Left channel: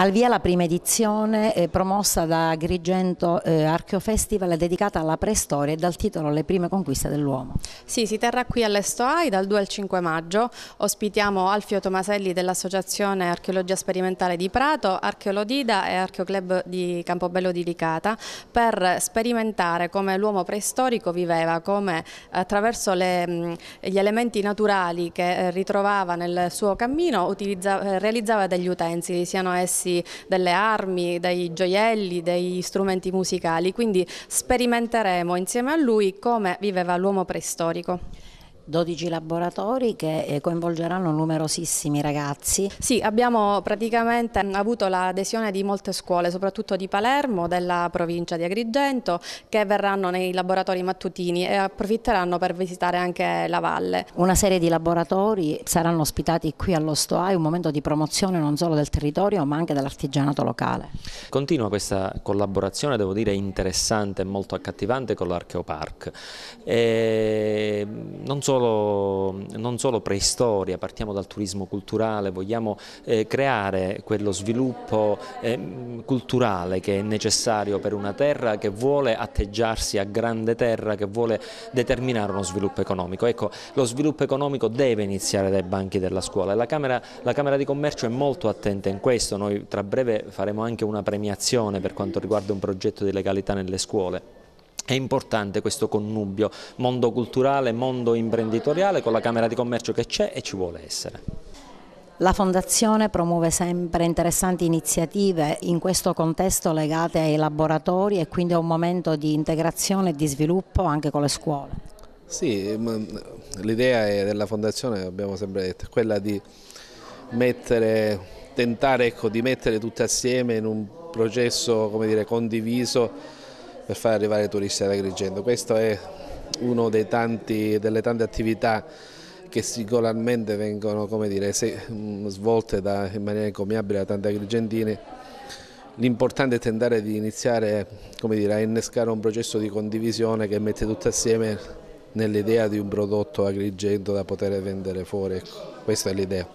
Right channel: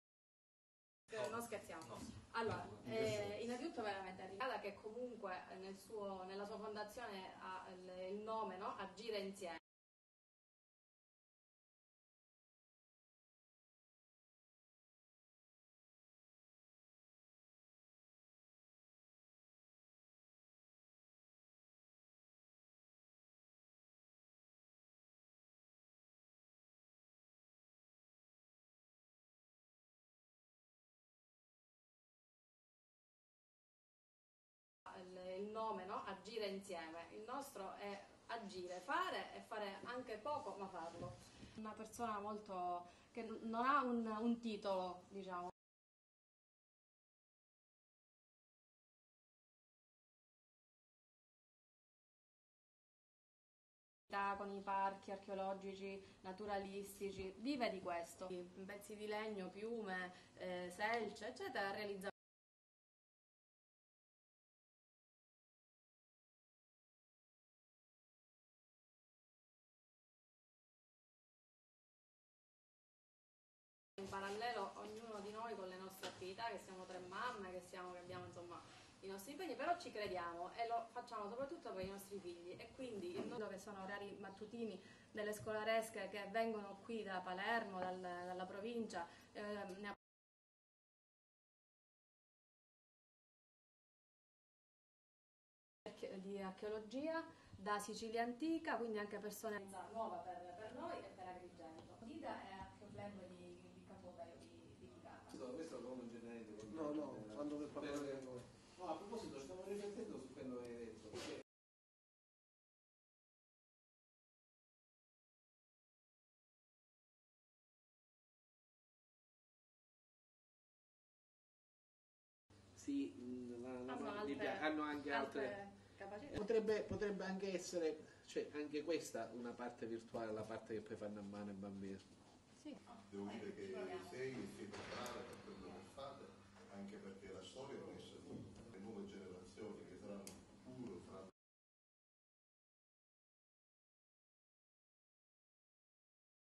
Al via la prima edizione promossa da Agrigento Archeo Festival dedicata alla preistoria e dal titolo Le prime conquiste dell'uomo. Sì, si terrà qui all'Estoai dal 2 al 5 maggio. Ospitiamo Alfio Tomaselli dell'Associazione Archeologia Sperimentale di Prato, Archeolodida e Archeoclub di Campobello di Licata per sperimentare come l'uomo preistorico viveva, come attraverso gli elementi naturali che ritrovava nel suo cammino realizzava degli utensili, siano essi delle armi, dei gioielli, degli strumenti musicali, quindi sperimenteremo insieme a lui come viveva l'uomo preistorico. 12 laboratori che coinvolgeranno numerosissimi ragazzi. Sì, abbiamo praticamente avuto l'adesione di molte scuole, soprattutto di Palermo, della provincia di Agrigento, che verranno nei laboratori mattutini e approfitteranno per visitare anche la valle. Una serie di laboratori saranno ospitati qui allo Stoai, un momento di promozione non solo del territorio ma anche dell'artigianato locale. Continua questa collaborazione, devo dire, interessante e molto accattivante con l'Archeopark. Non solo preistoria, partiamo dal turismo culturale, vogliamo creare quello sviluppo culturale che è necessario per una terra che vuole atteggiarsi a grande terra, che vuole determinare uno sviluppo economico. Ecco, lo sviluppo economico deve iniziare dai banchi della scuola e la Camera di Commercio è molto attenta in questo. Noi tra breve faremo anche una premiazione per quanto riguarda un progetto di legalità nelle scuole. È importante questo connubio mondo culturale, mondo imprenditoriale con la Camera di Commercio che c'è e ci vuole essere. La Fondazione promuove sempre interessanti iniziative in questo contesto legate ai laboratori e quindi a un momento di integrazione e di sviluppo anche con le scuole. Sì, l'idea della Fondazione, abbiamo sempre detto, è quella di tentare di mettere tutte assieme in un processo, come dire, condiviso per far arrivare i turisti ad Agrigento. Questa è una delle tante attività che singolarmente vengono, come dire, svolte in maniera encomiabile da tanti agrigentini. L'importante è tentare di iniziare, come dire, a innescare un processo di condivisione che mette tutte assieme nell'idea di un prodotto Agrigento da poter vendere fuori. Questa è l'idea.